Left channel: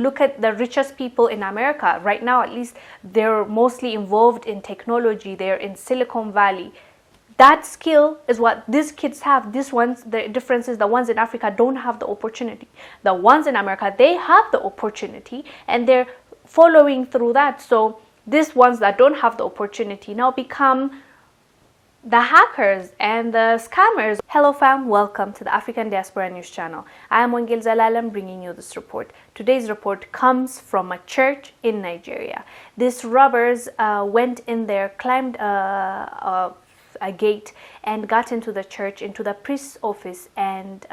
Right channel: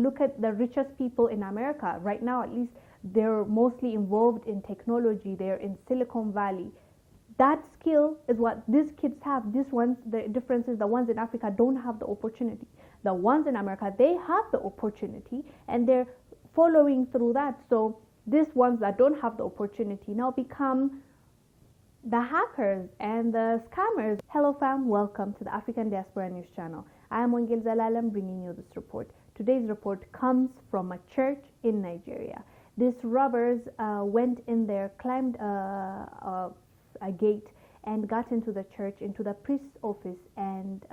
Look at the richest people in America. Right now, at least, they're mostly involved in technology. They're in Silicon Valley. That skill is what these kids have. These ones, the difference is the ones in Africa don't have the opportunity. The ones in America, they have the opportunity and they're following through that. So these ones that don't have the opportunity now become the hackers and the scammers. Hello fam, welcome to the African Diaspora News Channel. I am Wongel Zelalem bringing you this report. Today's report comes from a church in Nigeria. These robbers went in there, climbed a gate and got into the church, into the priest's office, and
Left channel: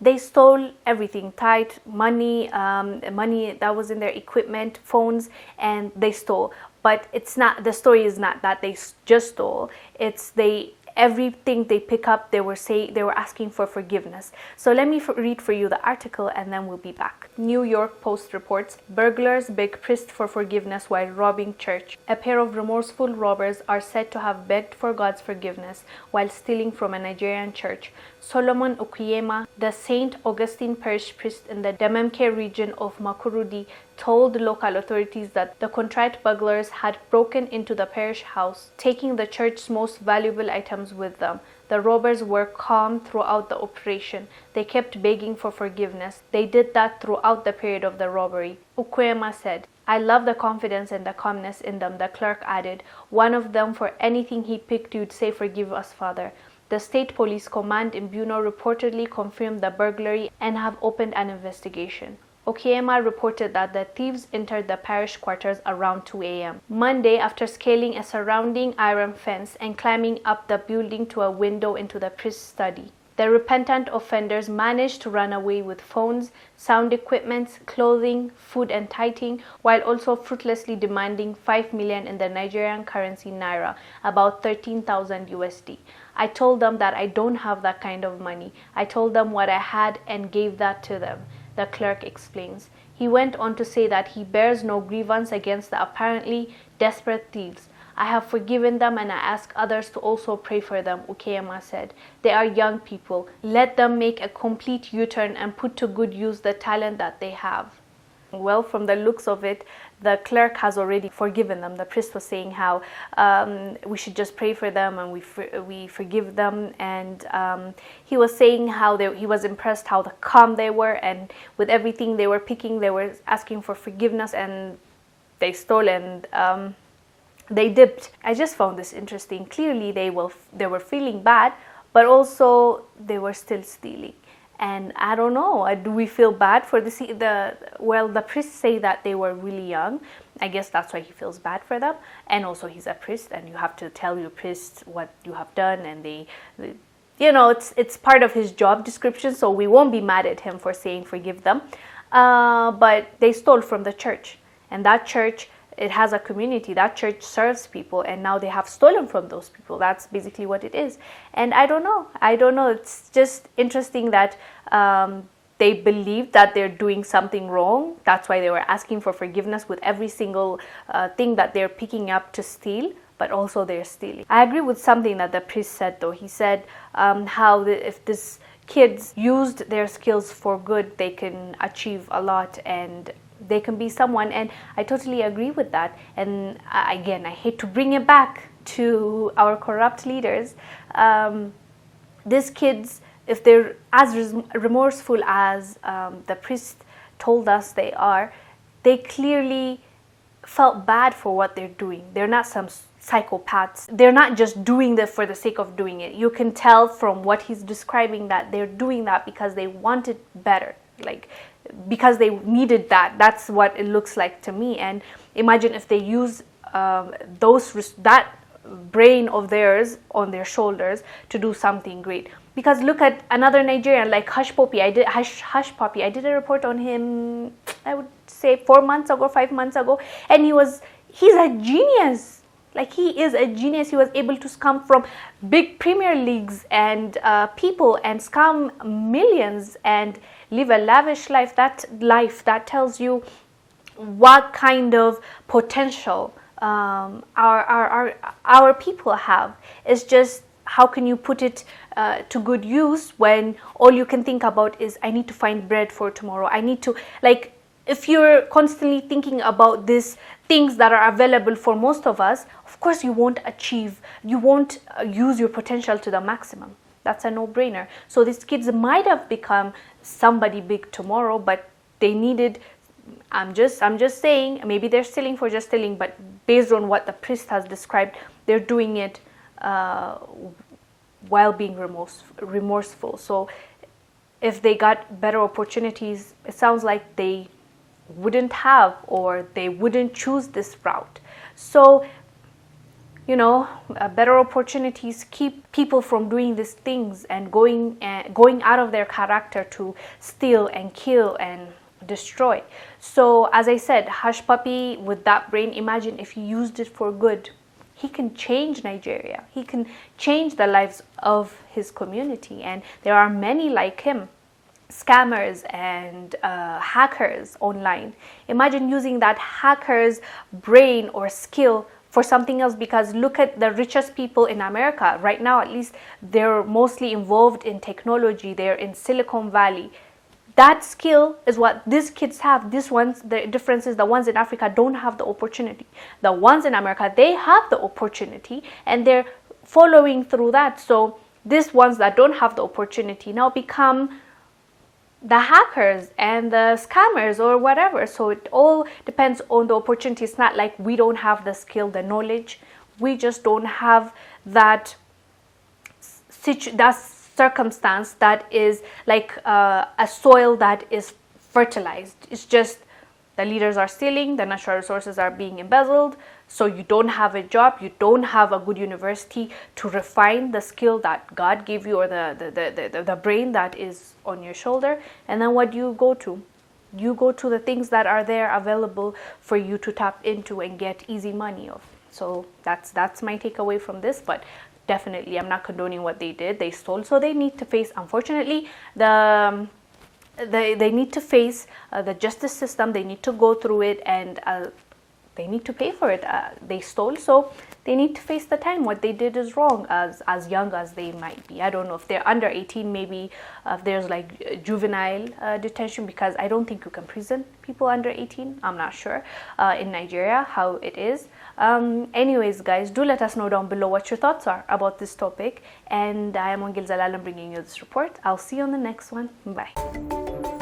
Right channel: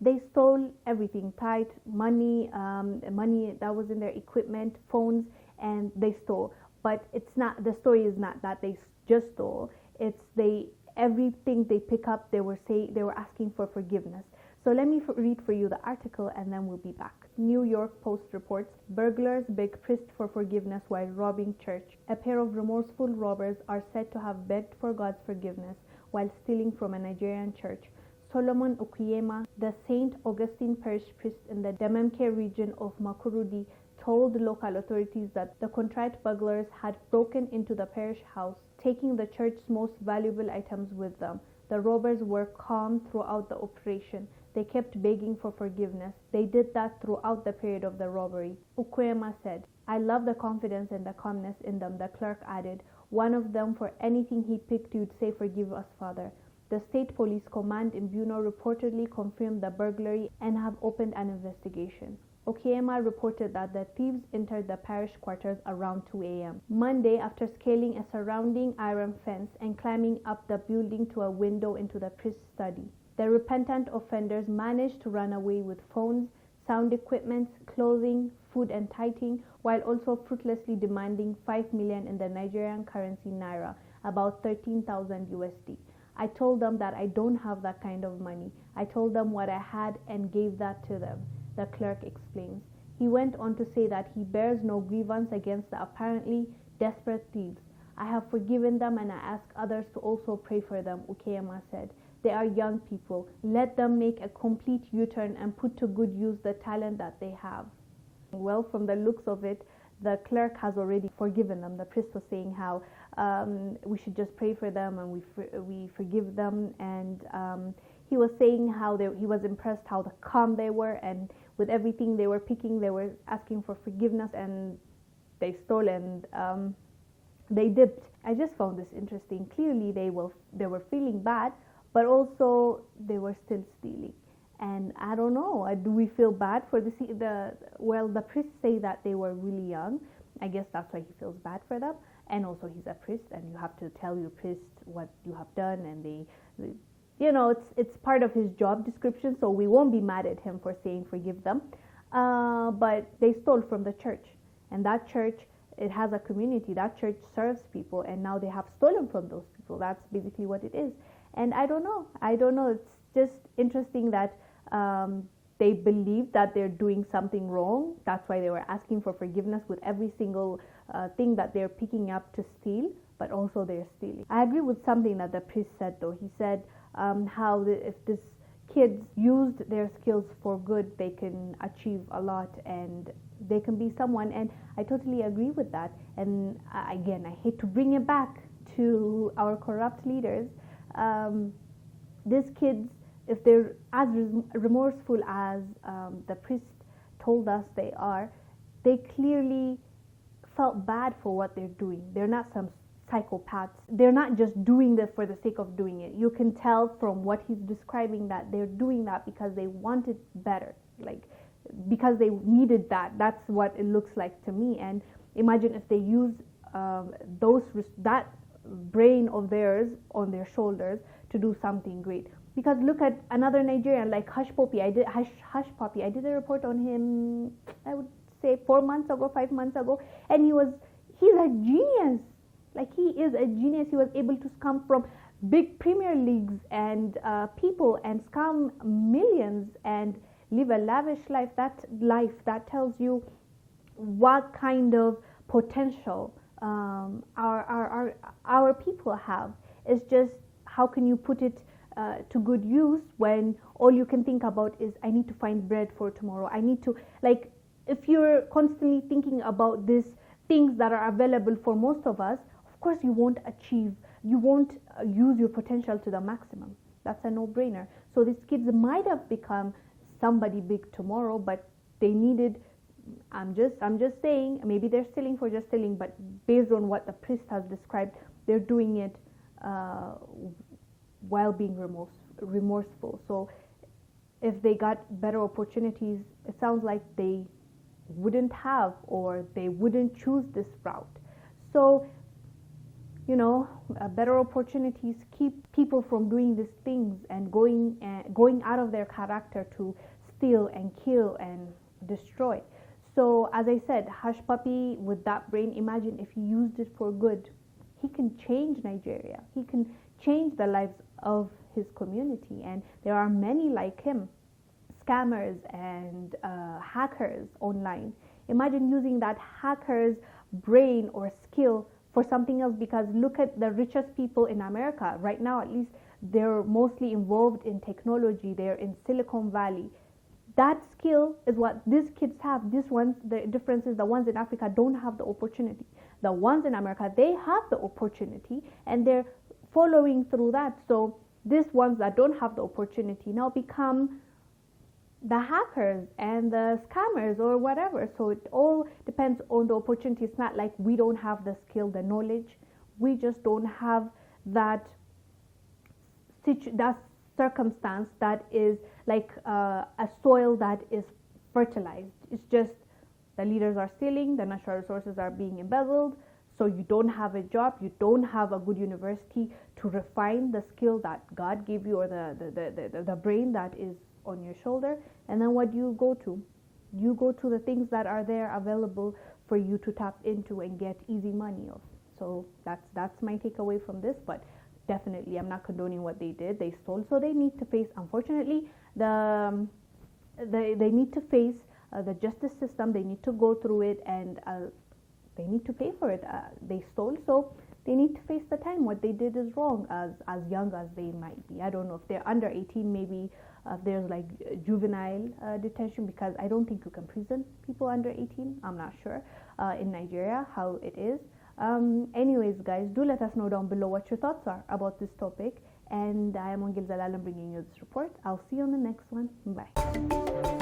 they stole everything, tithe, money, money that was in their equipment, phones, and they stole. But it's not, the story is not that they just stole. It's everything they pick up, they were asking for forgiveness. So let me read for you the article and then we'll be back. New York Post reports, burglars beg priest for forgiveness while robbing church. A pair of remorseful robbers are said to have begged for God's forgiveness while stealing from a Nigerian church. Solomon Okuyema, the St. Augustine parish priest in the Dememke region of Makurudi, told local authorities that the contrite burglars had broken into the parish house, taking the church's most valuable items with them. The robbers were calm throughout the operation. They kept begging for forgiveness. They did that throughout the period of the robbery. Okuyema said, "I love the confidence and the calmness in them," the clerk added. "One of them, for anything he picked, you'd say, 'Forgive us, Father.'" The State Police Command in Buno reportedly confirmed the burglary and have opened an investigation. Okuyema reported that the thieves entered the parish quarters around 2 a.m. Monday after scaling a surrounding iron fence and climbing up the building to a window into the priest's study. The repentant offenders managed to run away with phones, sound equipment, clothing, food and tithing, while also fruitlessly demanding 5 million in the Nigerian currency naira, about 13,000 USD. "I told them that I don't have that kind of money. I told them what I had and gave that to them," the clerk explains. He went on to say that he bears no grievance against the apparently desperate thieves. "I have forgiven them and I ask others to also pray for them," Okuyema said. "They are young people. Let them make a complete U-turn and put to good use the talent that they have." Well, from the looks of it, the clerk has already forgiven them. The priest was saying how we should just pray for them and we forgive them. And he was saying how he was impressed how calm they were, and with everything they were picking, they were asking for forgiveness, and they stole and they dipped. I just found this interesting. Clearly, they were feeling bad, but also they were still stealing. And I don't know, do we feel bad for the priests say that they were really young. I guess that's why he feels bad for them. And also he's a priest and you have to tell your priest what you have done, and it's part of his job description, so we won't be mad at him for saying forgive them. But they stole from the church, and that church, it has a community. That church serves people, and now they have stolen from those people. That's basically what it is. And I don't know. It's just interesting that they believe that they're doing something wrong. That's why they were asking for forgiveness with every single thing that they're picking up to steal, but also they're stealing. I agree with something that the priest said, though. He said if these kids used their skills for good, they can achieve a lot and they can be someone, and I totally agree with that. And again, I hate to bring it back to our corrupt leaders. These kids, if they're as remorseful as the priest told us they are, they clearly felt bad for what they're doing. They're not some psychopaths. They're not just doing this for the sake of doing it. You can tell from what he's describing that they're doing that because they wanted better, because they needed that. That's what it looks like to me. And imagine if they use that brain of theirs on their shoulders to do something great. Because look at another Nigerian like Hush Puppy. I did a report on him, I would say 5 months ago, and he's a genius. He is a genius. He was able to scam from big Premier Leagues and people and scam millions and live a lavish life. That tells you what kind of potential our people have. It's just, how can you put it to good use when all you can think about is, I need to find bread for tomorrow. I need to, if you're constantly thinking about these things that are available for most of us, of course you won't use your potential to the maximum. That's a no-brainer. So these kids might have become somebody big tomorrow, but they needed, I'm just saying, maybe they're stealing for just stealing, but based on what the priest has described, they're doing it while being remorseful. So if they got better opportunities, it sounds like they wouldn't have, or they wouldn't choose this route. So, you know, better opportunities keep people from doing these things and going out of their character to steal and kill and destroy. So as I said, Hush Puppy, with that brain, imagine if he used it for good. He can change Nigeria. He can change the lives of his community, and there are many like him, scammers and hackers online. Imagine using that hacker's brain or skill for something else, because look at the richest people in America right now. At least they're mostly involved in technology. They're in Silicon Valley. That skill is what these kids have. These ones, the difference is the ones in Africa don't have the opportunity. The ones in America, they have the opportunity and they're following through that. So these ones that don't have the opportunity now become the hackers and the scammers or whatever. So it all depends on the opportunity. It's not like we don't have the skill, the knowledge. We just don't have that circumstance that is like a soil that is fertilized. It's just the leaders are stealing, the natural resources are being embezzled, so you don't have a job, you don't have a good university to refine the skill that God gave you, or the brain that is on your shoulder. And then what do you go to? You go to the things that are there available for you to tap into and get easy money of. So that's my takeaway from this. But definitely, I'm not condoning what they did. They stole, so they need to face, unfortunately, they need to face the justice system. They need to go through it, and they need to pay for it. They stole, so they need to face the time. What they did is wrong, as young as they might be. I don't know if they're under 18, maybe there's like juvenile detention, because I don't think you can prison people under 18. I'm not sure in Nigeria how it is. Anyways, guys, do let us know down below what your thoughts are about this topic. And I am Wongel Zelalem bringing you this report. I'll see you on the next one. Bye.